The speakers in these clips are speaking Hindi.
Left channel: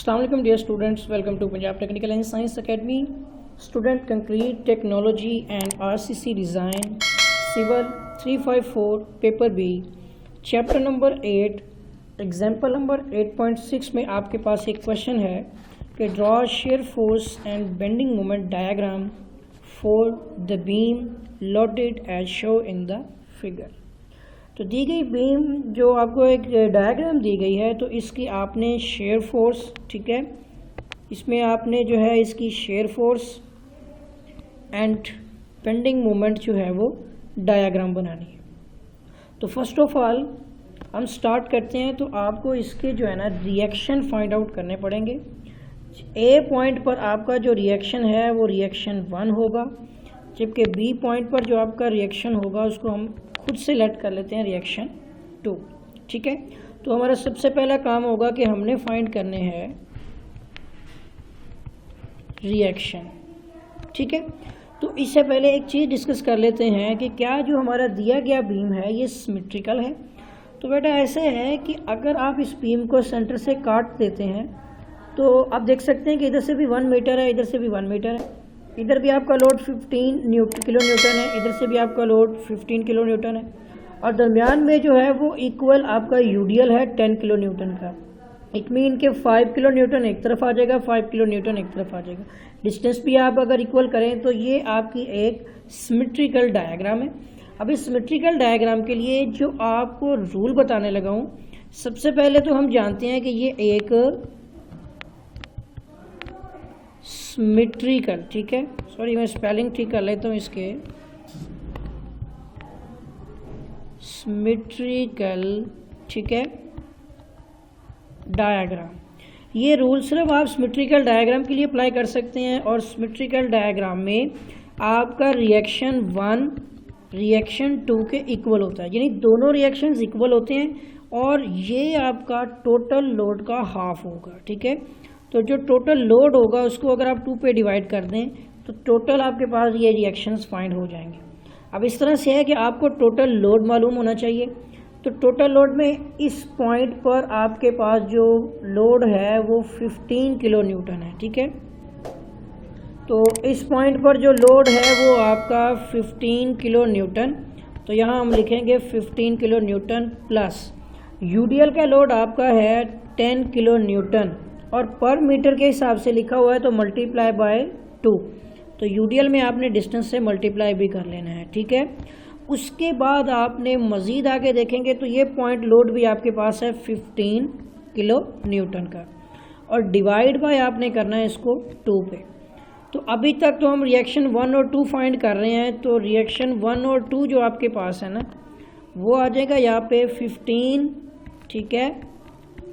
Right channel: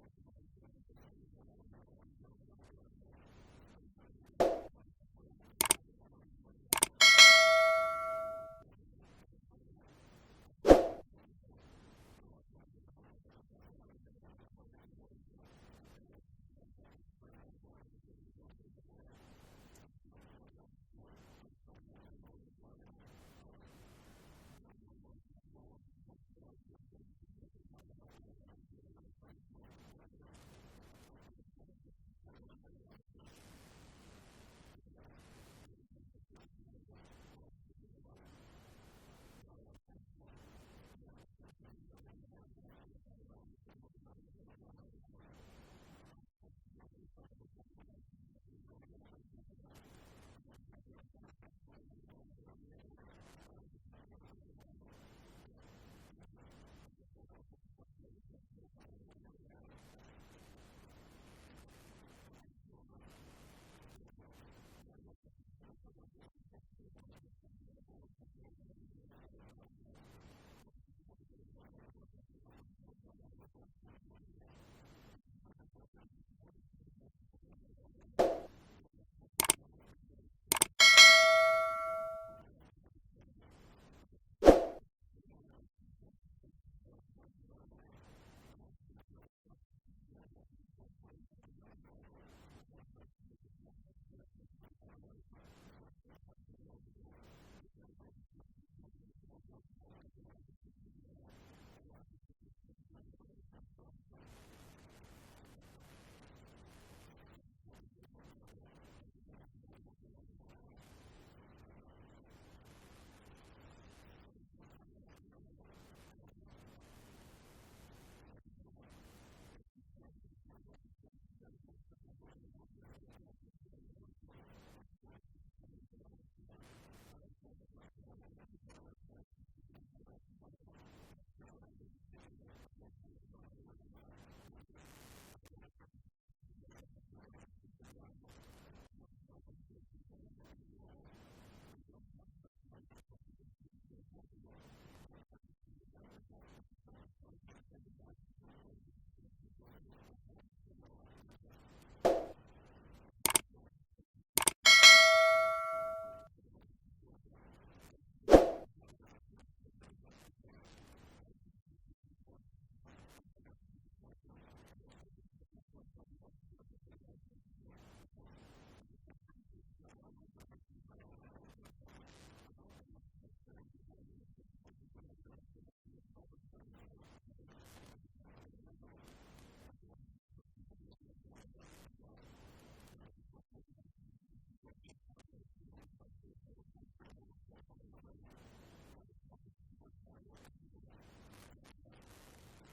अस्सलाम वालेकुम dear students, welcome to Punjab technical and science academy. Student concrete technology and RCC design civil 354 paper B chapter number 8 example number 8.6 में आपके पास एक क्वेश्चन है कि draw shear force and bending moment diagram for the beam loaded as show in the figure. तो दी गई बीम जो आपको एक डायग्राम दी गई है, तो इसकी आपने शेयर फोर्स, ठीक है, इसमें आपने जो है इसकी share force and bending moment जो है वो डायग्राम बनानी है। तो फर्स्ट ऑफ ऑल हम स्टार्ट करते हैं। तो आपको इसके जो है ना रिएक्शन फाइंड आउट करने पड़ेंगे। ए पॉइंट पर आपका जो रिएक्शन है वो रिएक्शन 1 होगा, जबकि बी पॉइंट पर जो आपका रिएक्शन होगा उसको हम खुद से लेट कर लेते हैं रिएक्शन 2, ठीक है। तो हमारा सबसे पहला काम होगा कि हमने फाइंड करने हैं रिएक्शन, ठीक है। तो इससे पहले एक चीज़ डिस्कस कर लेते हैं कि क्या जो हमारा दिया गया बीम है ये सिमेट्रिकल है। तो बेटा ऐसे है कि अगर आप इस बीम को सेंटर से काट देते हैं तो आप देख सकते हैं कि इधर से भी 1 मीटर है, इधर से भी 1 मीटर है, इधर भी आपका लोड 15 किलो न्यूटन है, इधर से भी आपका लोड 15 किलो न्यूटन है, और दरमियान में जो है वो इक्वल आपका यूडीएल है 10 किलो न्यूटन का। इट मीन के 5 किलो न्यूटन एक तरफ आ जाएगा, 5 किलो न्यूटन एक तरफ आ जाएगा। डिस्टेंस भी आप अगर इक्वल करें तो ये आपकी एक सिमेट्रिकल डायग्राम है। अब इस सिमेट्रिकल डायग्राम के लिए जो आपको रूल बताने लगा हूँ, सबसे पहले तो हम जानते हैं कि ये एक सिमेट्रिकल, ठीक है, सॉरी मैं स्पेलिंग ठीक कर लेता हूँ इसके, सिमेट्रिकल, ठीक है, डायग्राम। ये रूल सिर्फ आप सिमेट्रिकल डायग्राम के लिए अप्लाई कर सकते हैं। और सिमेट्रिकल डायग्राम में आपका रिएक्शन 1 रिएक्शन 2 के इक्वल होता है, यानी दोनों रिएक्शंस इक्वल होते हैं, और ये आपका टोटल लोड का हाफ होगा, ठीक है। तो जो टोटल लोड होगा उसको अगर आप 2 पे डिवाइड कर दें तो टोटल आपके पास ये रिएक्शंस फाइंड हो जाएंगे। अब इस तरह से है कि आपको टोटल लोड मालूम होना चाहिए। तो टोटल लोड में इस पॉइंट पर आपके पास जो लोड है वो 15 किलो न्यूटन है, ठीक है। तो इस पॉइंट पर जो लोड है वो आपका 15 किलो न्यूटन, तो यहाँ हम लिखेंगे 15 किलो न्यूटन प्लस यूडीएल का लोड आपका है 10 किलो न्यूटन, और पर मीटर के हिसाब से लिखा हुआ है तो मल्टीप्लाई बाय 2। तो यूडीएल में आपने डिस्टेंस से मल्टीप्लाई भी कर लेना है, ठीक है। उसके बाद आपने मज़ीद आगे देखेंगे तो ये पॉइंट लोड भी आपके पास है 15 किलो न्यूटन का, और डिवाइड बाय आपने करना है इसको 2 पे। तो अभी तक तो हम रिएक्शन 1 और 2 फाइंड कर रहे हैं। तो रिएक्शन 1 और 2 जो आपके पास है ना वो आ जाएगा यहाँ पे 15, ठीक है,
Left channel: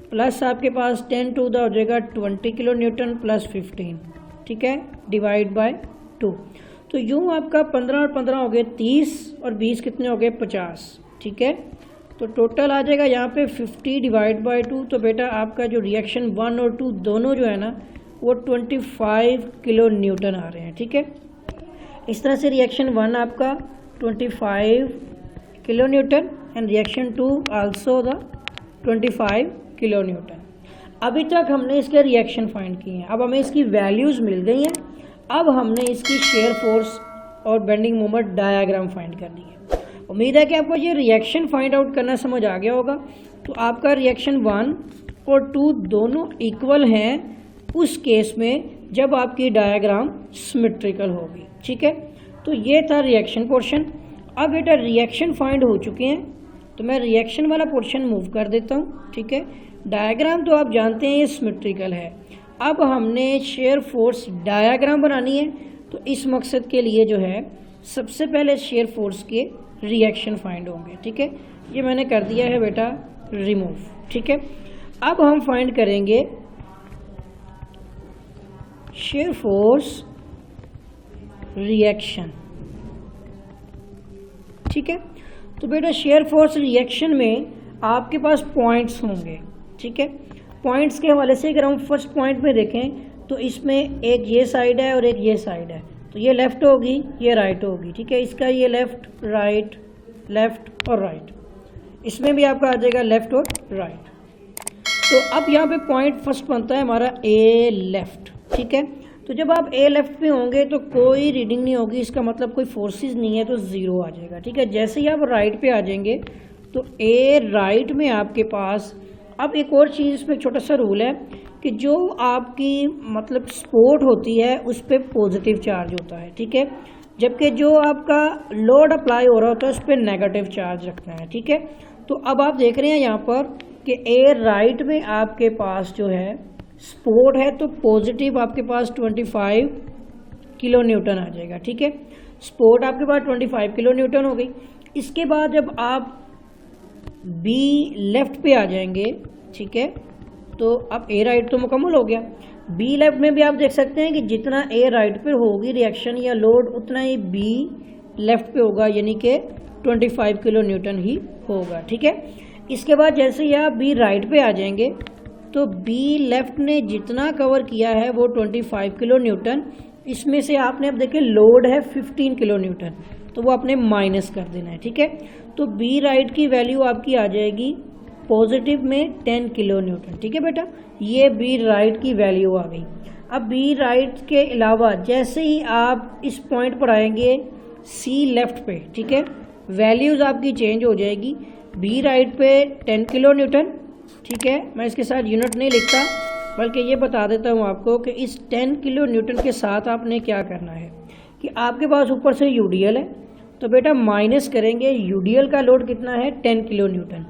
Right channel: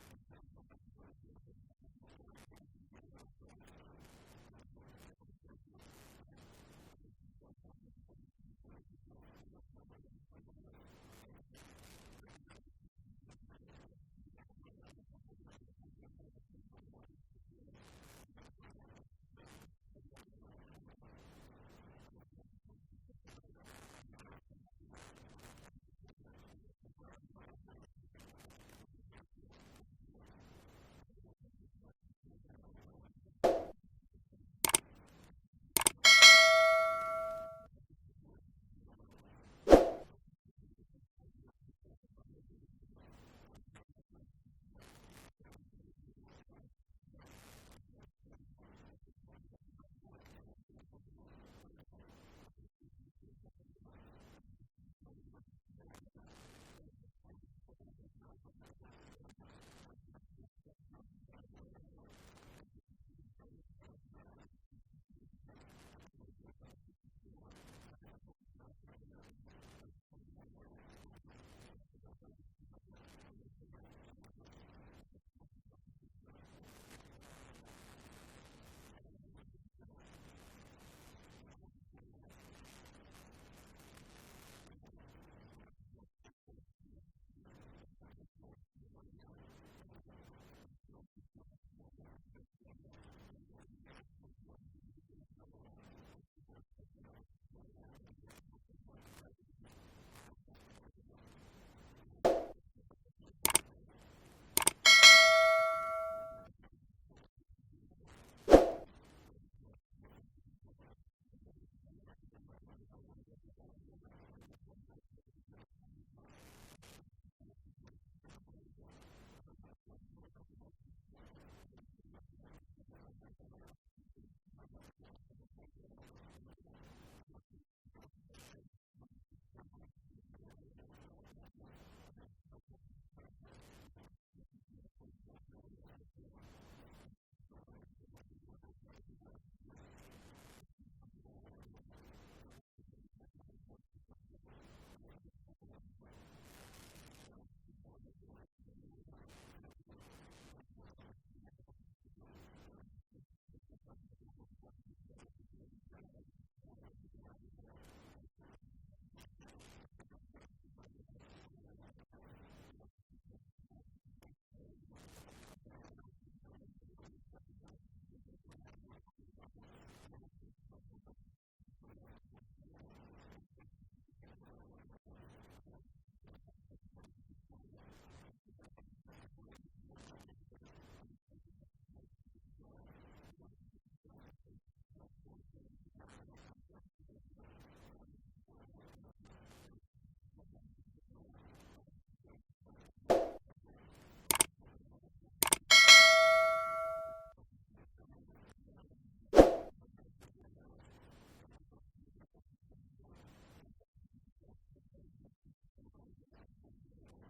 प्लस आपके पास 10 टू द हो जाएगा 20 किलो न्यूटन प्लस 15, ठीक है, डिवाइड बाय 2। तो यूँ आपका 15 और 15 हो गए 30, और 20 कितने हो गए 50, ठीक है। तो टोटल आ जाएगा यहाँ पे 50 डिवाइड बाय 2। तो बेटा आपका जो रिएक्शन 1 और 2 दोनों जो है ना वो 25 किलो न्यूटन आ रहे हैं, ठीक है। इस तरह से रिएक्शन 1 आपका 25 kilo Newton and reaction 2 also the 25 kilo Newton. अभी तक हमने इसके रिएक्शन फाइंड किए हैं, अब हमें इसकी वैल्यूज़ मिल गई हैं। अब हमने इसकी शेयर फोर्स और बेंडिंग मोमेंट डायग्राम फाइंड करनी है। उम्मीद है कि आपको ये रिएक्शन फाइंड आउट करना समझ आ गया होगा। तो आपका रिएक्शन 1 और 2 दोनों इक्वल हैं उस केस में जब आपकी डायग्राम सिमेट्रिकल होगी, ठीक है। तो ये था रिएक्शन पोर्शन। अब बेटा रिएक्शन फाइंड हो चुके हैं तो मैं रिएक्शन वाला पोर्शन मूव कर देता हूँ, ठीक है। डायग्राम तो आप जानते हैं ये सिमेट्रिकल है। अब हमने शेयर फोर्स डायग्राम बनानी है। तो इस मकसद के लिए जो है सबसे पहले शेयर फोर्स के रिएक्शन फाइंड होंगे, ठीक है। ये मैंने कर दिया है बेटा रिमूव, ठीक है। अब हम फाइंड करेंगे शेयर फोर्स रिएक्शन, ठीक है। तो बेटा शेयर फोर्स रिएक्शन में आपके पास पॉइंट्स होंगे, ठीक है। पॉइंट्स के हवाले से अगर हम फर्स्ट पॉइंट में देखें तो इसमें एक ये साइड है और एक ये साइड है। तो ये लेफ़्ट होगी, ये राइट होगी, ठीक है। इसका ये लेफ़्ट राइट, लेफ़्ट और राइट, इसमें भी आपका आ जाएगा लेफ़्ट और राइट। तो अब यहाँ पे पॉइंट फर्स्ट बनता है हमारा ए लेफ़्ट, ठीक है। तो जब आप ए लेफ़्ट पे होंगे तो कोई रीडिंग नहीं होगी, इसका मतलब कोई फोर्सेस नहीं है, तो ज़ीरो आ जाएगा, ठीक है। जैसे ही आप राइट पे आ जाएंगे तो ए राइट में आपके पास, अब एक और चीज़ इसमें छोटा सा रूल है कि जो आपकी मतलब सपोर्ट होती है उस पर पॉजिटिव चार्ज होता है, ठीक है, जबकि जो आपका लोड अप्लाई हो रहा होता है उस पर नेगेटिव चार्ज रखना है, ठीक है। तो अब आप देख रहे हैं यहाँ पर कि ए राइट में आपके पास जो है सपोर्ट है, तो पॉजिटिव आपके पास 25 किलो न्यूटन आ जाएगा, ठीक है। सपोर्ट आपके पास 25 किलो न्यूटन हो गई। इसके बाद जब आप बी लेफ़्ट पे आ जाएंगे, ठीक है, तो अब ए राइट तो मुकम्मल हो गया। बी लेफ्ट में भी आप देख सकते हैं कि जितना ए राइट पे होगी रिएक्शन या लोड उतना ही बी लेफ़्ट पे होगा, यानी कि 25 किलो न्यूटन ही होगा, ठीक है। इसके बाद जैसे ही आप बी राइट पे आ जाएंगे तो बी लेफ़्ट ने जितना कवर किया है वो 25 किलो न्यूटन, इसमें से आपने अब देखिए लोड है 15 किलो न्यूटन, तो वो आपने माइनस कर देना है, ठीक है। तो बी राइट की वैल्यू आपकी आ जाएगी पॉजिटिव में 10 किलो न्यूटन, ठीक है बेटा, ये बी राइट की वैल्यू आ गई। अब बी राइट के अलावा जैसे ही आप इस पॉइंट पर आएंगे सी लेफ़्ट पे, ठीक है, वैल्यूज़ आपकी चेंज हो जाएगी। बी राइट पे 10 किलो न्यूटन, ठीक है, मैं इसके साथ यूनिट नहीं लिखता बल्कि ये बता देता हूँ आपको कि इस 10 किलो न्यूटन के साथ आपने क्या करना है कि आपके पास ऊपर से यूडीएल है, तो बेटा माइनस करेंगे, यूडीएल का लोड कितना है 10 किलो न्यूटन।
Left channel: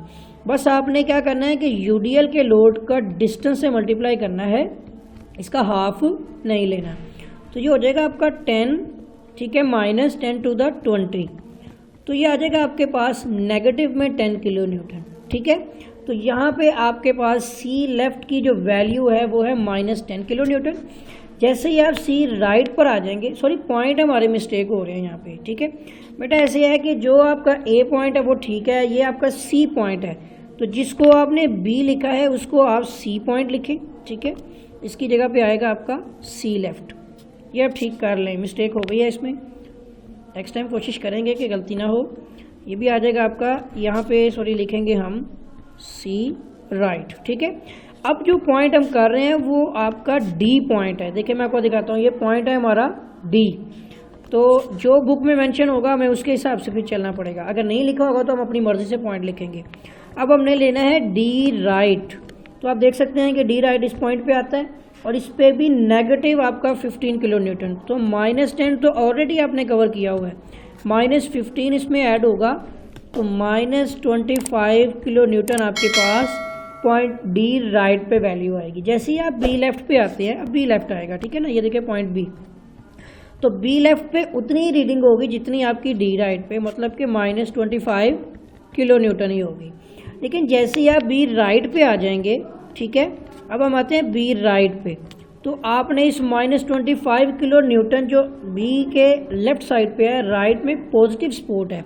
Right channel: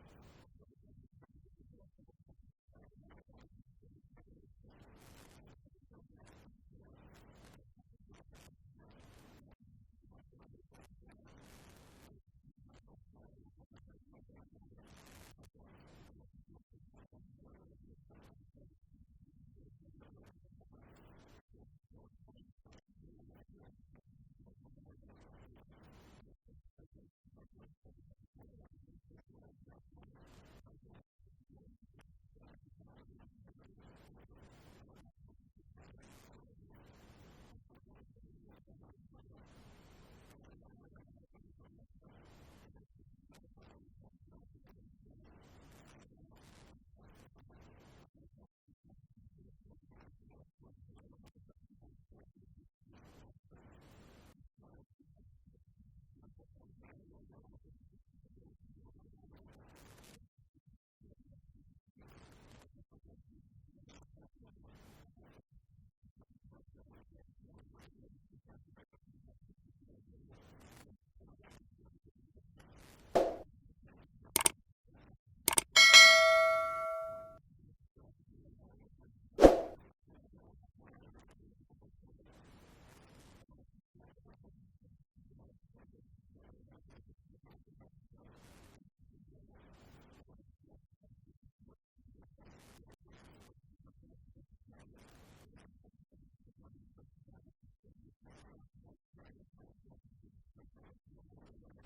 बस आपने क्या करना है कि यूडीएल के लोड का डिस्टेंस से मल्टीप्लाई करना है, इसका हाफ नहीं लेना। तो ये हो जाएगा आपका 10, ठीक है, माइनस 10 टू द 20, तो ये आ जाएगा आपके पास नेगेटिव में 10 किलो न्यूटन, ठीक है। तो यहाँ पे आपके पास सी लेफ़्ट की जो वैल्यू है वो है माइनस 10 किलो न्यूटन। जैसे ही आप सी राइट पर आ जाएंगे, सॉरी पॉइंट हमारे मिस्टेक हो रहे हैं यहाँ पे, ठीक है बेटा, ऐसे है कि जो आपका ए पॉइंट है वो ठीक है, ये आपका सी पॉइंट है, तो जिसको आपने बी लिखा है उसको आप सी पॉइंट लिखें, ठीक है, इसकी जगह पे आएगा आपका सी लेफ़्ट। ये आप ठीक कर लें, मिस्टेक हो गई है इसमें, नेक्स्ट टाइम कोशिश करेंगे कि गलती ना हो। ये भी आ जाएगा आपका यहाँ पे, सॉरी लिखेंगे हम सी राइट, ठीक है। अब जो पॉइंट हम कर रहे हैं वो आपका डी पॉइंट है। देखिए मैं आपको दिखाता हूँ, ये पॉइंट है हमारा डी, तो जो बुक में मेंशन होगा हमें उसके हिसाब से फिर चलना पड़ेगा, अगर नहीं लिखा होगा तो हम अपनी मर्ज़ी से पॉइंट लिखेंगे। अब हमने लेना है डी राइट, तो आप देख सकते हैं कि डी राइट इस पॉइंट पे आता है और इस पर भी नेगेटिव आपका 15 किलो न्यूटन, तो माइनस 10 तो ऑलरेडी आपने कवर किया हुआ है, माइनस 15 इसमें ऐड होगा, तो माइनस 25 किलो न्यूटन आपके पास पॉइंट डी राइट पे वैल्यू आएगी। जैसे ही आप बी लेफ़्ट पे आते हैं, अब बी लेफ़्ट आएगा, ठीक है ना, ये देखिए पॉइंट बी, तो बी लेफ़्ट पे उतनी ही रीडिंग होगी जितनी आपकी डी राइट पे, मतलब कि माइनस 25 किलो न्यूटन ही होगी। लेकिन जैसे ही आप बी राइट पे आ जाएंगे, ठीक है, अब हम आते हैं बी राइट पे, तो आपने इस माइनस 25 किलो न्यूटन जो बी के लेफ़्ट साइड पे है, राइट में पॉजिटिव सपोर्ट है,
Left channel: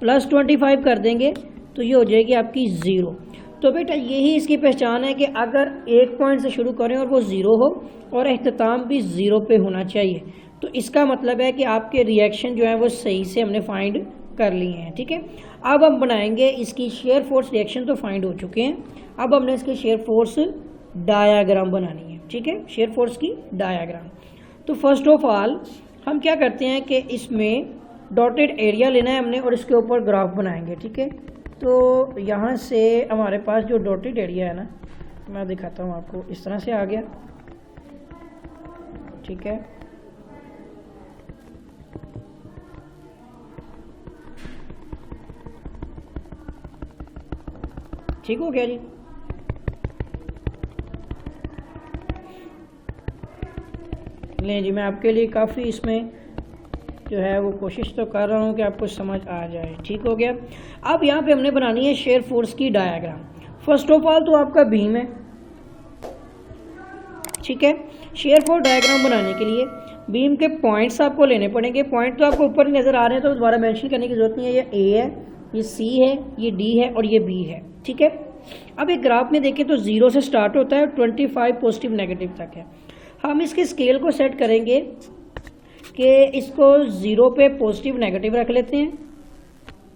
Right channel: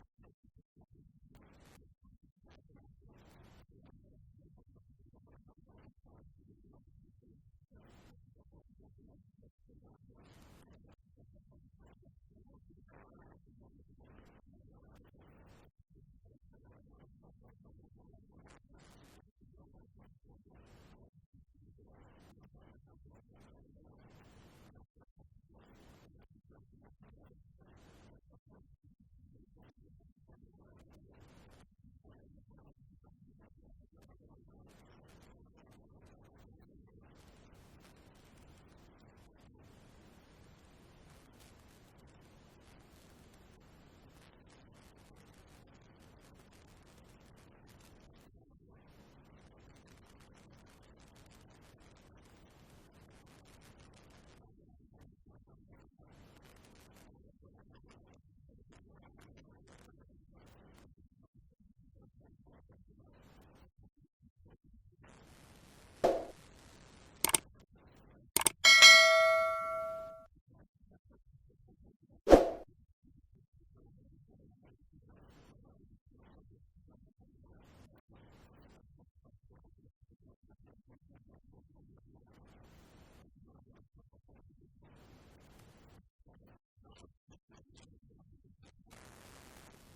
प्लस 25 कर देंगे तो ये हो जाएगी आपकी ज़ीरो। तो बेटा यही इसकी पहचान है कि अगर एक पॉइंट से शुरू करें और वो ज़ीरो हो और अख्ताम भी ज़ीरो पे होना चाहिए, तो इसका मतलब है कि आपके रिएक्शन जो है वो सही से हमने फाइंड कर लिए हैं, ठीक है। अब हम बनाएंगे इसकी शेयर फोर्स, रिएक्शन तो फाइंड हो चुके हैं, अब हमने इसकी शेयर फोर्स डायाग्राम बनानी है, ठीक है, शेयर फोर्स की डायाग्राम। तो फर्स्ट ऑफ ऑल हम क्या करते हैं कि इसमें डॉटेड एरिया लेना है हमने और इसके ऊपर ग्राफ बनाएंगे, ठीक है। तो यहाँ से हमारे पास जो डॉटेड एरिया है ना, मैं दिखाता हूँ आपको, इस तरह से आ गया, ठीक है, ठीक हो गया जी। लें जी, मैं आपके लिए काफ़ी इसमें जो है वो कोशिश तो कर रहा हूँ कि आपको समझ आ जाए, ठीक हो गया। अब यहाँ पे हमने बनानी है शेयर फोर्स की डायग्राम। फर्स्ट ऑफ ऑल तो आपका बीम है, ठीक है। शेयर फोर्स डायग्राम बनाने के लिए बीम के पॉइंट्स आपको लेने पड़ेंगे। पॉइंट तो आपको ऊपर नज़र आ रहे हैं तो दोबारा मेंशन करने की ज़रूरत नहीं है। ये ए है, ये सी है, ये डी है और ये बी है, ठीक है। अब एक ग्राफ में देखें तो 0 से स्टार्ट होता है, 25 पॉजिटिव नेगेटिव तक है। हम इसके स्केल को सेट करेंगे कि इसको 0 पे पॉजिटिव नेगेटिव रख लेते हैं,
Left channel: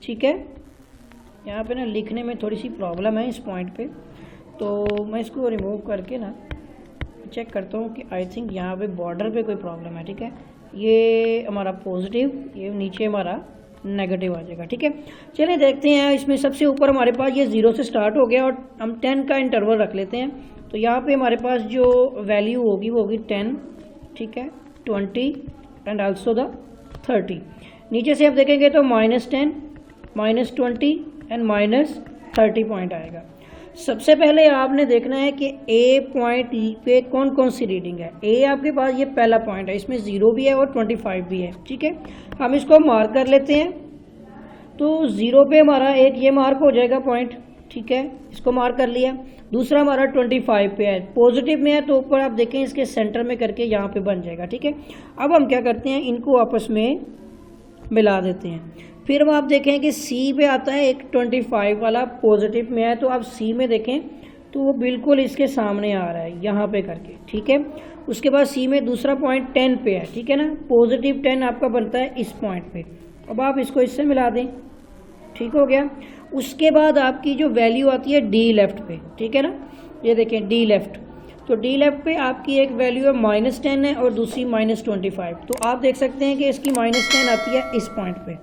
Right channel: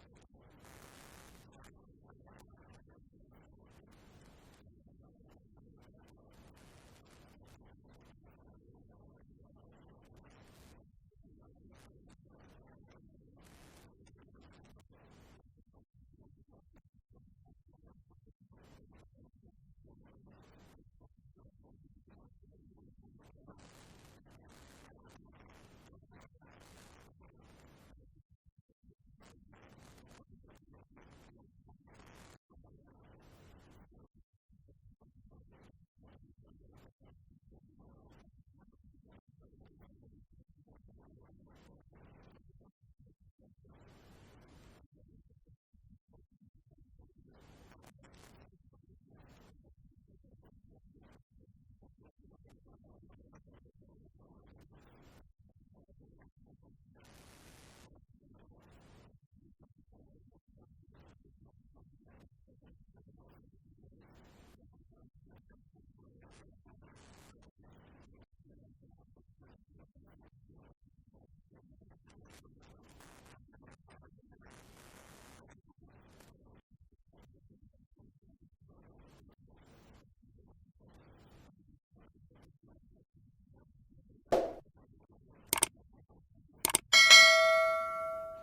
ठीक है। यहाँ पे ना लिखने में थोड़ी सी प्रॉब्लम है इस पॉइंट पे, तो मैं इसको रिमूव करके ना चेक करता हूँ कि आई थिंक यहाँ पे बॉर्डर पे कोई प्रॉब्लम है। ठीक है, ये हमारा पॉजिटिव, ये नीचे हमारा नेगेटिव आ जाएगा। ठीक है, चलिए देखते हैं। इसमें सबसे ऊपर हमारे पास ये 0 से स्टार्ट हो गया और हम 10 का इंटरवल रख लेते हैं। तो यहाँ पे हमारे पास जो वैल्यू होगी वो होगी 10, ठीक है, 20 एंड आल्सो द 30। नीचे से आप देखेंगे तो -10, -20 एंड -30 पॉइंट आएगा। सबसे पहले आपने देखना है कि ए पॉइंट पे कौन कौन सी रीडिंग है। ए आपके पास ये पहला पॉइंट है, इसमें 0 भी है और 25 भी है। ठीक है, हम इसको मार्क कर लेते हैं। तो 0 पे हमारा एक ये मार्क हो जाएगा पॉइंट। ठीक है, इसको मार्क कर लिया। दूसरा हमारा 25 पे है, पॉजिटिव में है, तो ऊपर आप देखें इसके सेंटर में करके यहाँ पे बन जाएगा। ठीक है, अब हम क्या करते हैं, इनको आपस में मिला देते हैं। फिर आप देखें कि सी पे आता है एक 25 वाला, पॉजिटिव में है, तो आप सी में देखें तो वो बिल्कुल इसके सामने आ रहा है यहाँ पे करके। ठीक है, उसके बाद सी में दूसरा पॉइंट 10 पे है। ठीक है ना, पॉजिटिव 10 आपका बनता है इस पॉइंट पे। अब आप इसको इससे मिला दें, ठीक हो गया। उसके बाद आपकी जो वैल्यू आती है डी लेफ्ट पे, ठीक है ना, ये देखें डी लेफ्ट, तो डी लेफ्ट पे आपकी एक वैल्यू है -10 है और दूसरी -25। तो आप देख सकते हैं कि इसकी -10 आती है इस पॉइंट पे।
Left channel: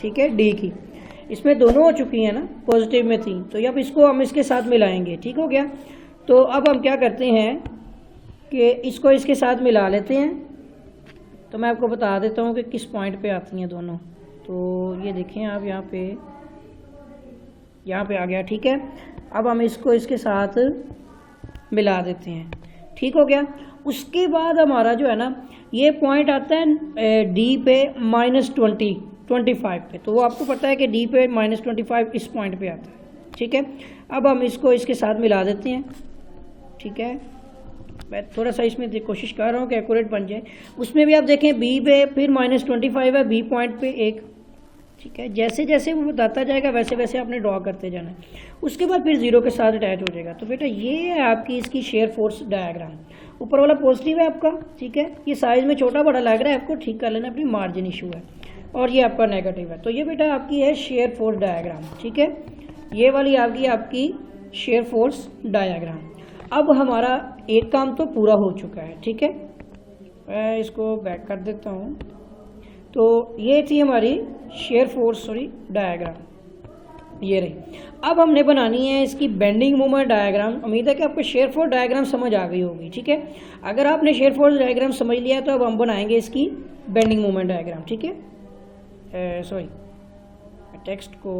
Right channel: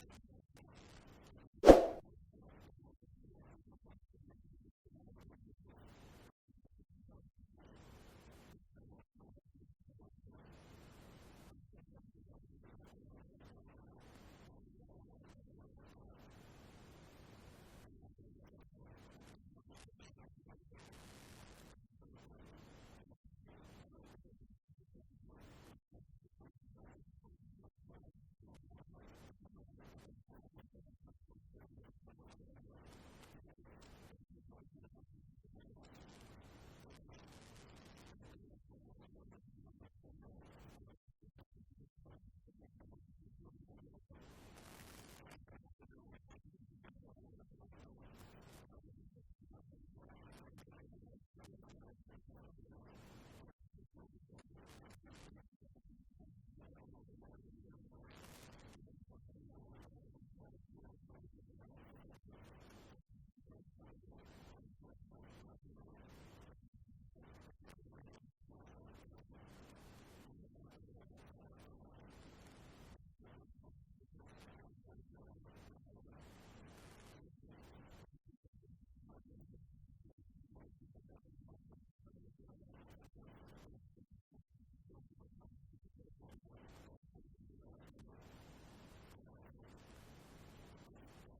ठीक है, डी की, इसमें दोनों हो चुकी हैं ना, पॉजिटिव में थी, तो अब इसको हम इसके साथ मिलाएंगे। ठीक हो गया। तो अब हम क्या करते हैं कि इसको इसके साथ मिला लेते हैं। तो मैं आपको बता देता हूँ कि किस पॉइंट पे आती हैं दोनों। तो ये देखें आप यहाँ पे आ गया। ठीक है, अब हम इसको इसके साथ मिला देते हैं। ठीक हो गया। उसके बाद हमारा जो है ना ये पॉइंट आता है डी पे -25 पे, तो वो आपको पता है कि डी पे -25 इस पॉइंट पे आता है। ठीक है, अब हम इसको इसके साथ मिला देते हैं। ठीक है, मैं थोड़ा सा इसमें कोशिश कर रहा हूँ कि एक्यूरेट बन जाए। उसमें भी आप देखें बी पे फिर -25 है, बी पॉइंट पे एक। ठीक है, जैसे जैसे वो बताता जाएगा वैसे वैसे आपने ड्रॉ करते जाना है। उसके बाद फिर 0 के साथ अटैच हो जाएगा। तो बेटा ये है आपकी इसकी शेयर फोर्स डायग्राम। ऊपर वाला पॉजिटिव है आपका, ठीक है, ये साइज़ में छोटा बड़ा लग रहा है, आपको ठीक कर लेना, अपनी मार्जिन इशू है। और ये आपका नेगेटिव है। तो ये बेटा आपकी है शेयर फोर्स डायग्राम। ठीक है, ये वाली आपकी शेयर फोर्स डायग्राम। अब हमारा एक काम तो पूरा हो चुका है। ठीक है, मैं इसको बैक कर देता हूँ। तो ये थी हमारी शेयर फोर्स डायग्राम, ये रही। अब हमने बनानी है इसकी बेंडिंग मोमेंट डायग्राम। उम्मीद है कि आपको शेयर फोर्स डायग्राम समझ आ गई होगी। ठीक है, अगर आपने शेयर फोर्स डायग्राम समझ लिया तो अब हम बनाएंगे इसकी बेंडिंग मोमेंट डायग्राम। ठीक है, टेक्स्ट को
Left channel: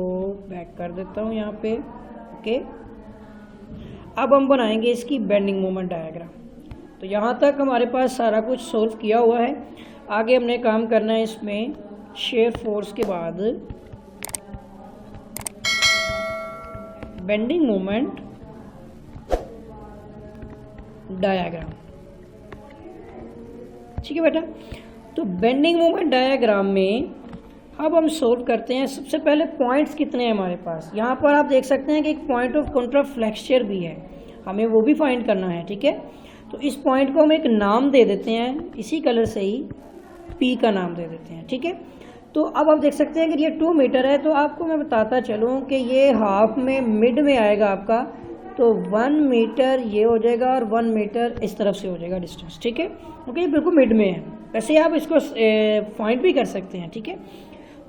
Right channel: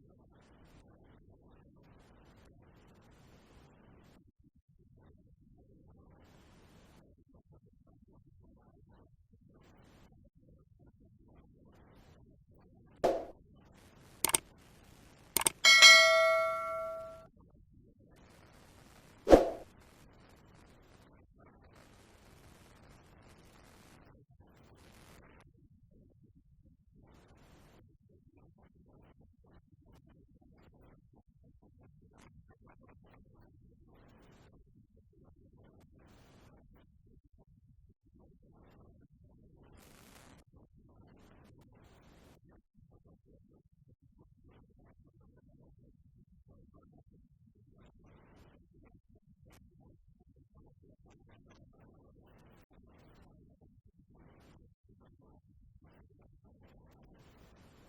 बैक कर देता हूँ यहाँ पे। ओके, अब हम बनाएंगे इसकी बेंडिंग मोमेंट डायग्राम। तो यहाँ तक हमारे पास सारा कुछ सोल्व किया हुआ है। आगे हमने काम करना है इसमें शेयर फोर्स के बाद बेंडिंग मोमेंट डायग्राम। ठीक है बेटा, तो बेंडिंग मोमेंट डायग्राम में अब हम सोल्व करते हैं। सबसे पहले पॉइंट्स कितने हैं हमारे पास। यहाँ पर आप देख सकते हैं कि एक पॉइंट ऑफ कॉन्ट्राफ्लेक्चर भी है, हमें वो भी फाइंड करना है। ठीक है, तो इस पॉइंट को हम एक नाम दे देते हैं, इसी कलर से ही पी का नाम दे देते हैं। ठीक है, तो अब आप देख सकते हैं कि ये 2 मीटर है। तो आपको मैं बताता चलूँ कि ये हाफ में मिड में आएगा आपका, तो 1 मीटर ये हो जाएगा और 1 मीटर इस तरफ से हो जाएगा डिस्टेंस। ठीक है, क्योंकि ये बिल्कुल मिड में है। वैसे आप इसको फाइंड भी कर सकते हैं। ठीक है,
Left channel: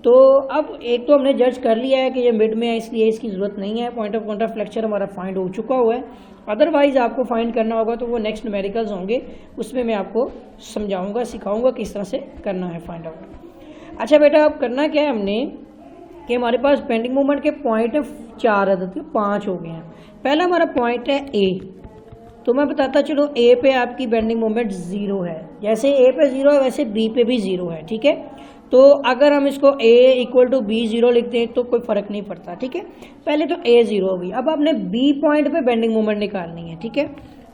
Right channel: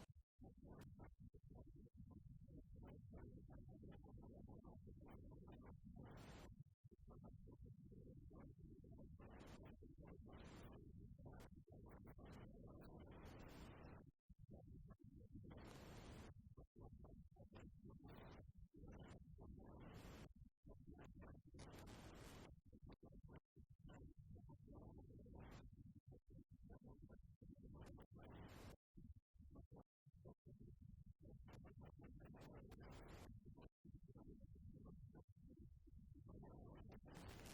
तो अब एक तो हमने जज कर लिया है कि ये मिड में है, इसलिए इसकी ज़रूरत नहीं है। पॉइंट ऑफ कॉन्ट्राफ्लेक्चर हमारा फाइंड हो चुका हुआ है। अदरवाइज़ आपको फाइंड करना होगा तो वो नेक्स्ट न्यूमेरिकल्स होंगे, उसमें मैं आपको समझाऊंगा, सिखाऊंगा किस तरह से करना है फाइंड आउट। अच्छा बेटा, अब करना क्या है हमने कि हमारे पास बेंडिंग मोमेंट के पॉइंट है 4 अदद के, 5 हो गए हैं। पहला हमारा पॉइंट है ए, तो मैं बताता चलो ए पे आपकी बेंडिंग मोमेंट 0 है। जैसे ए पे 0 है वैसे बी पे भी 0 है। ठीक है, तो अगर हम इसको a = b 0 लिख दें तो कोई फ़र्क नहीं पड़ता। ठीक है, पहले तो a 0 होगी। अब आपने b पॉइंट पे बेंडिंग मोमेंट निकालनी है। ठीक है,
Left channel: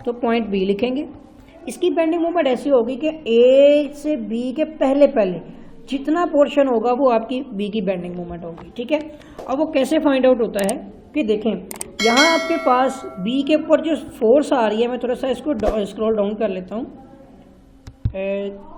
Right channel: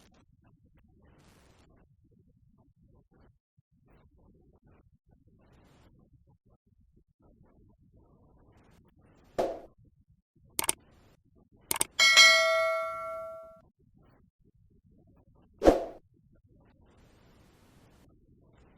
तो पॉइंट b लिखेंगे। इसकी बेंडिंग मोमेंट ऐसी होगी कि a से b के पहले जितना पोर्शन होगा वो आपकी b की बेंडिंग मोमेंट होगी। ठीक है, अब वो कैसे फाइंड आउट होता है कि देखें, यहाँ आपके पास b के ऊपर जो फोर्स आ रही है, मैं थोड़ा सा इसको स्क्रॉल डाउन कर लेता हूँ,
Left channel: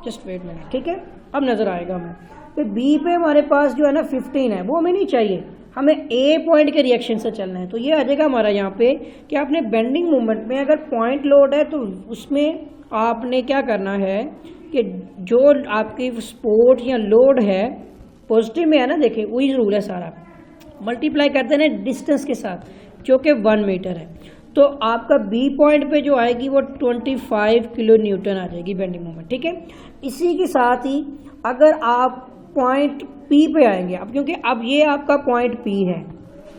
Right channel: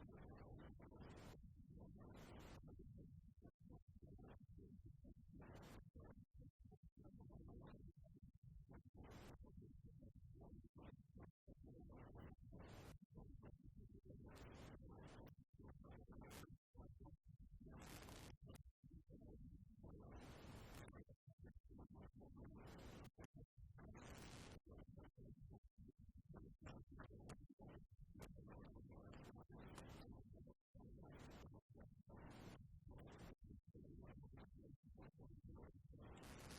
जस्ट वेट मिनट। ठीक है, अब नज़र आएगा हमें। तो बी पे हमारे पास जो है ना 15 है, वो हमें नहीं चाहिए। हमें ए पॉइंट के रिएक्शन से चलना है। तो ये आ जाएगा हमारा यहाँ पे कि आपने बेंडिंग मोमेंट में अगर पॉइंट लोड है तो उसमें आपने क्या करना है कि जो आपकी सपोर्ट या लोड है पॉजिटिव में है ना, देखिए वही रूल है सारा, मल्टीप्लाई करते हैं डिस्टेंस के साथ जो कि 1 मीटर है। तो आपका बी पॉइंट पे जो आएगी वो 25 किलो न्यूटन आ जाएगी बेंडिंग मोमेंट, ठीक है। इसी के साथ ही अगर आप पॉइंट पी पे आएंगे, अब क्योंकि अब ये आपका पॉइंट पी है,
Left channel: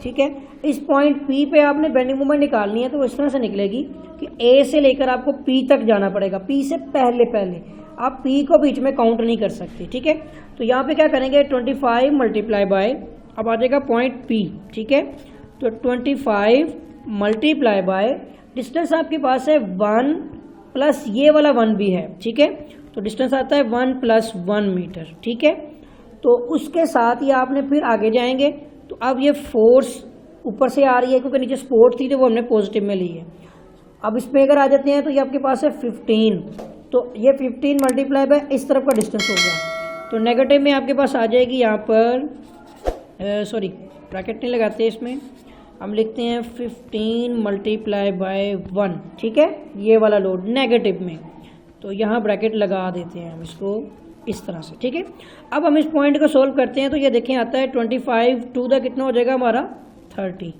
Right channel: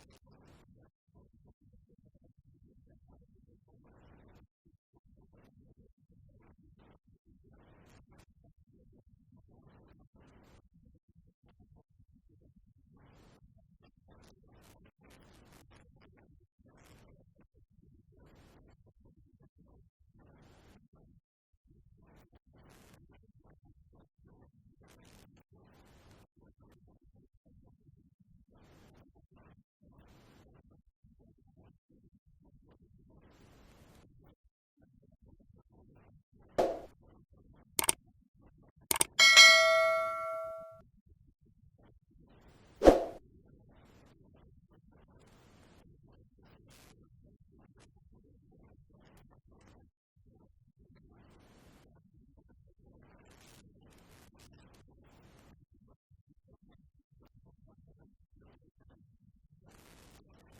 ठीक है, इस पॉइंट पी पे आपने बेंडिंग मोमेंट निकालनी है तो इस तरह से निकलेगी कि ए से लेकर आपको पी तक जाना पड़ेगा, पी से पहले आप पी को बीच में काउंट नहीं कर सकते, ठीक है। तो यहाँ पे क्या करेंगे 25 मल्टीप्लाई बाय, अब आ जाएगा पॉइंट पी, ठीक है। तो 25 मल्टीप्लाई बाय डिस्टेंस आपके पास है 1 प्लस ये वाला 1 भी है, ठीक है। तो डिस्टेंस आता है 1 + 1 मीटर, ठीक है। तो उसके साथ ही आपने फिर आगे जाएंगे तो अब ये फोर्स ऊपर से आ रही है क्योंकि नीचे सपोर्ट थी तो वो हमने पॉजिटिव में ली है। अब इसमें अगर आ जाते हैं तो ये आपके पास है 15, तो ये 15 मल्टीप्लाई बाय इस तरफ का डिस्टेंस हो गया, तो नेगेटिव में आपके पास आ जाएगी यहाँ पर सॉरी ब्रैकेट नहीं लगाते इसमें, हम लिखते हैं 15 मल्टीप्लाई बाय 1, ठीक है, ये वाला लोड नेगेटिव में, तो यहाँ ब्रैकेट लगा देते हैं हम इसको इस तरह से, ठीक है। अब हम इस पॉइंट को सोल्व करते हैं तो ये देखें आता है 25 टू द कितना हो जाएगा हमारा 50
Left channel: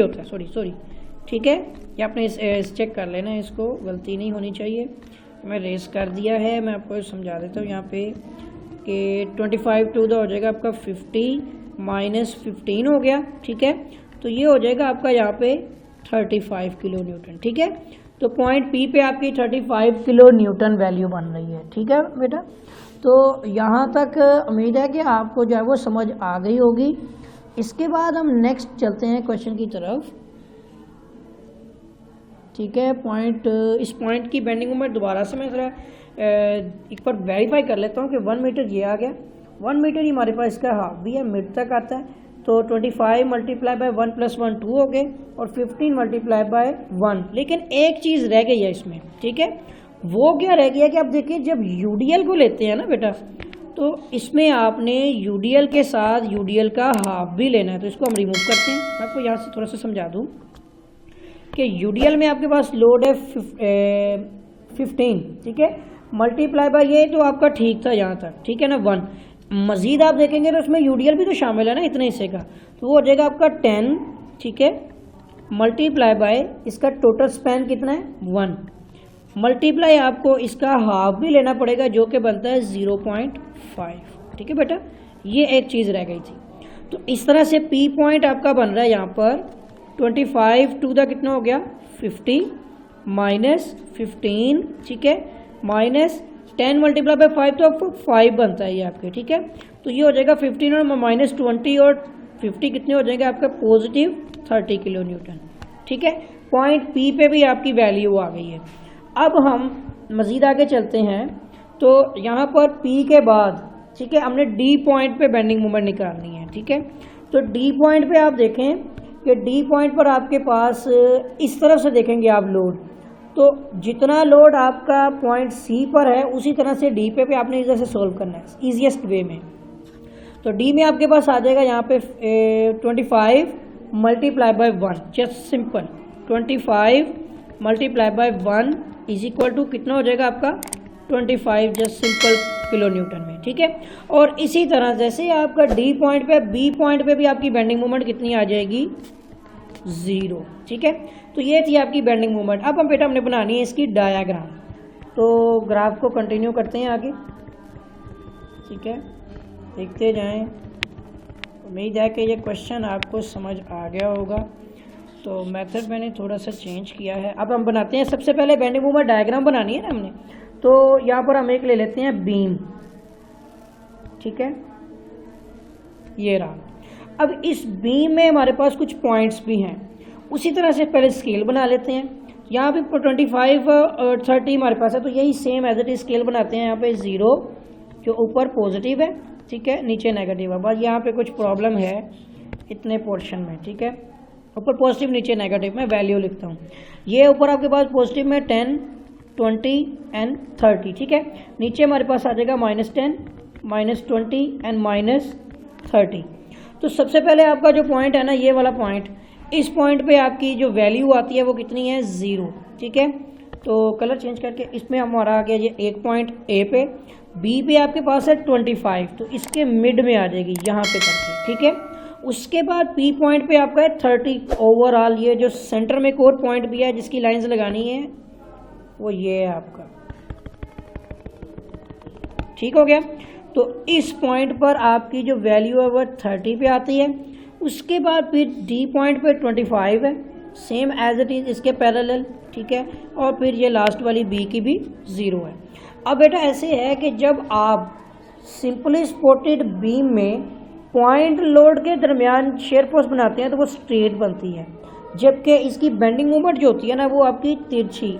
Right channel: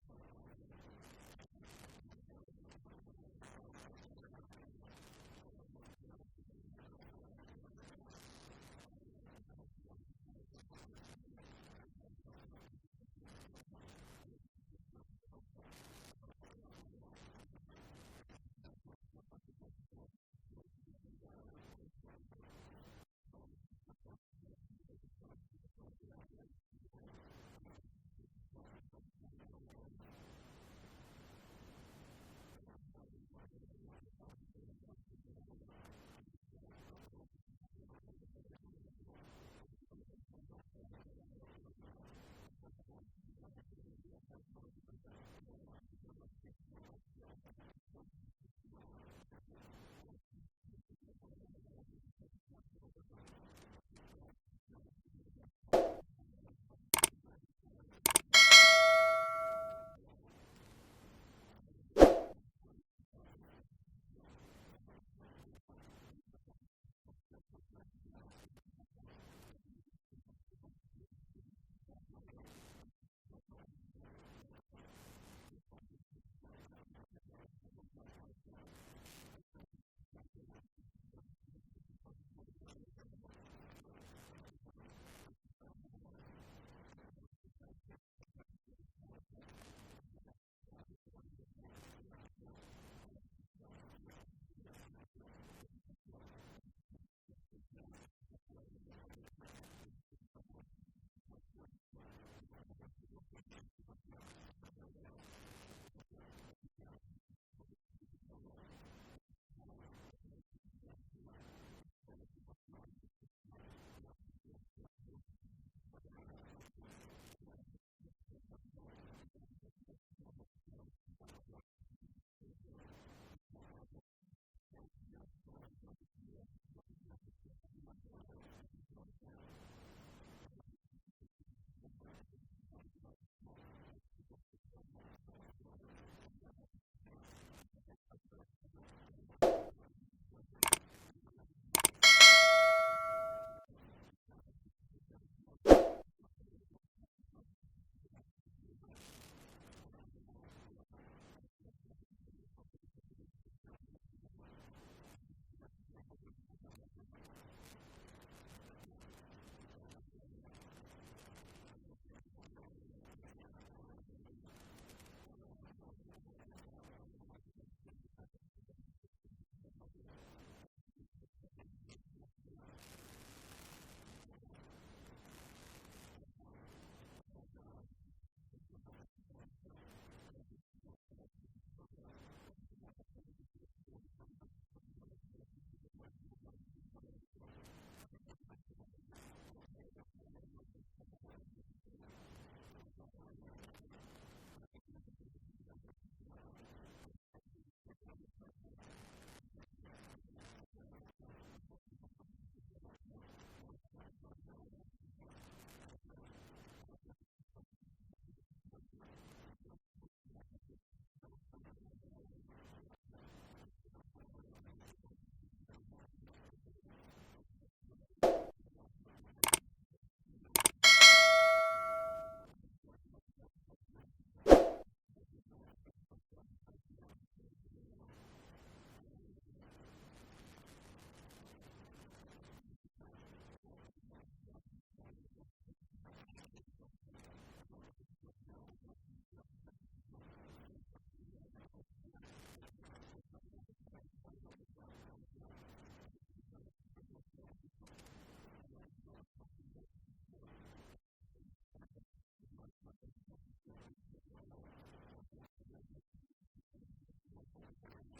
होता है, सॉरी, ठीक है। ये आपने चेक कर लेना है, इसको गलती नहीं होनी चाहिए, मैं रेस कर दिया है, मैं आपको समझा देता हूँ यहाँ पे कि 25 टू द हो जाएगा आपका 50 - 15 हो गया, ठीक है। तो ये हो जाएगा आपका यहाँ पे 35 किलो न्यूटन, ठीक है। तो पॉइंट पी पे आपकी 35 किलो न्यूटन वैल्यू बन रही है, ठीक है बेटा। तो यहाँ तक उम्मीद है कि आपको जो है वो समझ आ गई होगी। इसके बाद हम नेक्स्ट चलते हैं क्वेश्चन की तरफ, ठीक है। इस पॉइंट की बेंडिंग मोमेंट दोबारा से मैं ज़रा एक बार वेरीफाई कर लेता हूँ कि 1 मीटर ये आ गया, 1 मीटर ही हमारे पास इसका हाफ भी है, मिड तक आता है। तो 25 मल्टीप्लाई बाय 1 + 1 2 हो गए और 15 मल्टीप्लाई बाय 1, लेकिन एक चीज़ रह गई है इसमें, ठीक है। वो क्या रह गया कि आप देखिए जब यूडीएल को लेते हैं ना बेटा, तो इसमें आपने यूडीएल के साथ यूडीएल का हाफ भी लेना है, तो इसको हम रिमूव करते हैं। मैं आपको यहाँ से थोड़ा सा समझा दूँ कि यूडीएल में आपके पास लोड है 15, ठीक है, मल्टीप्लाई बाय ये तो आपका ठीक था यहाँ तक, ठीक है ना 1, मज़ीद आप देखेंगे तो उसमें यूडीएल भी तो शामिल है ना इतने हिस्से का, तो वो हो जाएगा आपका 10, ठीक है, मल्टीप्लाई बाय इसका टोटल स्पैन कितना है 1, मल्टीप्लाई आपको इसका हाफ भी लेना पड़ेगा जो कि बनता है 0.5, ठीक है बेटा। ये एक चीज़ रह गई थी। तो इस तरह से पी पॉइंट आपका बन रहा है यहाँ पर 25 टू द कितना हो गया 50 - 15, ठीक है, -10 मल्टीप्लाई बाय 5 तो आपको 5 बनता है ये आपके, ठीक है। तो ये हो जाएगा 15 और -20 और 50 कितने हो जाएंगे आपका पॉजिटिव 30 किलो न्यूटन, ठीक है। पॉइंट पी पे भी आपकी वैल्यू आ गई है। अब हम मज़ीद आगे चलते हैं तो यहाँ पर पी के बाद, ठीक है, हमने डी पॉइंट पे बेंडिंग मोमेंट निकालनी है, ठीक है। तो डी पॉइंट पे आप देखें कि डी पॉइंट पर आपके पास इस तरफ से देखेंगे आप लोड, तो जितना लोड आपका पॉइंट सी पर है उसी तरह से डी पे आपने इधर से सोल्व करना है ईजीएस्ट वे में। तो डी में आपके पास आ जाएगा यहाँ पे 25 multiply by 1, just simple 25 multiply by 1 = कितना हो जाएगा आपका 25, जस्ट सिंपल किलो न्यूटन में, ठीक है। और इसी तरह जैसे आपका डी पॉइंट पे बी पॉइंट पे भी आपकी बेंडिंग मोमेंट कितनी आ जाएगी 0, ठीक है। तो ये थी आपकी बेंडिंग मोमेंट। अब हम बेटा हमने बनानी है इसकी डायाग्राम, तो ग्राफ को कंटिन्यू करते हैं आगे, ठीक है, देखते जाएं। उम्मीद है कि ये क्वेश्चन आपको समझ आ गया होगा। तो मेथड मैंने थोड़ा सा चेंज किया है। अब हम बनाते हैं, सबसे पहले बेंडिंग मोमेंट डायग्राम बनानी है ना हमने, तो यहाँ पर हम एक ले लेते हैं बीम, ठीक है, ये रहा। अब इस बीम में हमारे पास कुछ पॉइंट्स भी हैं, उसी तरह से पहले स्केल बना लेते हैं। यहाँ पे 25 और 30 हमारे पास है, तो यही same as it is scale बनाते हैं। यहाँ पे 0 जो ऊपर पॉजिटिव है, ठीक है, नीचे नेगेटिव है, बस यहाँ पे कुछ प्रॉब्लम है इतने पोर्शन में, ठीक है, ऊपर पॉजिटिव नीचे नेगेटिव, मैं वैल्यू लिखता हूँ। ये ऊपर आपके पास पॉजिटिव में 10, 20 एंड 30, ठीक है, नीचे हमारे पास आ जाएगा -10, -20 एंड -30। तो सबसे पहले आपका जो पॉइंट है ना, ये वाला पॉइंट, इस पॉइंट पे आपकी जो वैल्यू आती है वो कितनी है, 0। ठीक है, तो कलर चेंज करके इसमें हमारा आ गया ये एक पॉइंट ए पे, बी पे आपके पास है 25, तो इसके मिड में आ जाएगी यहाँ पे करके। ठीक है, उसके बाद पी पॉइंट पे आपका है 30 ओवरऑल। ये जो सेंटर में एक और पॉइंट भी है जिसकी लाइंस लगानी है वो ये है आपका। ठीक हो गया, तो इस पॉइंट पर आपकी जो वैल्यू है वो 30 पे आती है। उसके बाद फिर डी पॉइंट पे 25 है, सेम एज इट इज़ इसके पैरेलल। ठीक है, और फिर ये लास्ट वाली बी की भी 0 है। अब बेटा ऐसे है कि जब आप सिंपली सपोर्टेड बीम में पॉइंट लोड के दरमियान शेयर फोर्स बनाते हैं तो वो स्ट्रेट बनती है, जबकि इसकी बेंडिंग मोमेंट जो होती है ना वो आपकी तिरछी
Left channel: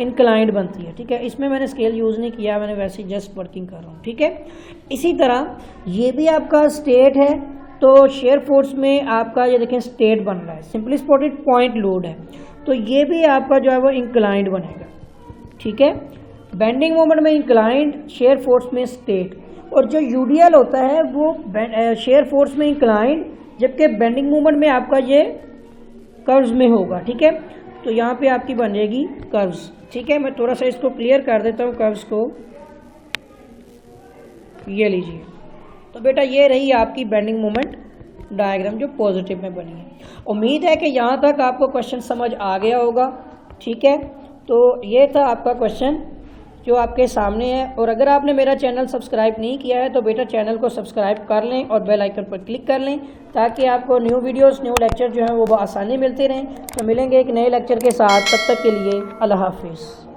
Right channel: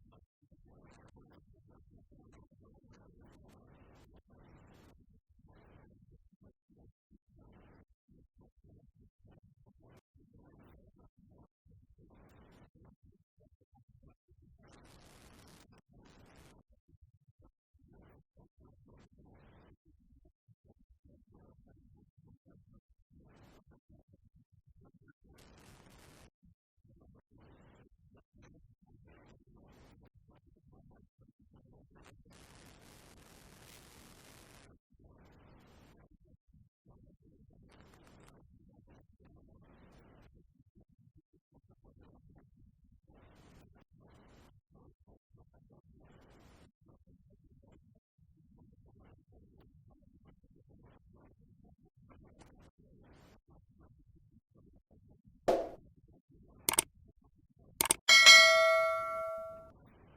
इंक्लाइंड बनती है। ठीक है, इसमें मैंने स्केल यूज़ नहीं किया, मैंने वैसे जस्ट वर्किंग कर रहा हूँ। ठीक है, इसी तरह ये भी आपका स्ट्रेट है, तो शेयर फोर्स में आपका ये देखें स्ट्रेट बन रहा है, सिंपली सपोर्टेड पॉइंट लोड है, तो ये भी आपका जो है वो इंक्लाइंड बनेगा। ठीक है, बेंडिंग मोमेंट में इंक्लाइंड, शेयर फोर्स में स्ट्रेट। और जो यूडीएल होता है वो शेयर फोर्स में इंक्लाइंड, जबकि बेंडिंग मोमेंट में आपका ये कर्व्स में होगा। ठीक है, तो यहाँ पे आपकी बनेगी कर्व्स। ठीक है, मैं थोड़ा सा इसको क्लियर कर देता हूँ कर्व्स को। ये लीजिए, तो बेटा ये रही आपकी बेंडिंग मोमेंट डायग्राम जो पॉजिटिव में बनी है। उम्मीद है कि यहाँ तक आपको क्वेश्चन समझ आ गया होगा। ठीक है, तो ये था आपका क्वेश्चन जो आपके सामने है। और अगर आपने मेरा चैनल सब्सक्राइब नहीं किया है तो बेटा चैनल को सब्सक्राइब कर लें और बेल आइकन पर क्लिक कर लें, ताकि आपको न्यू वीडियोस, न्यू लेक्चर जो हैं वो आसानी मिलते रहें। तो मिलेंगे एक नए लेक्चर के साथ, तब तक के लिए अल्लाह हाफिज़।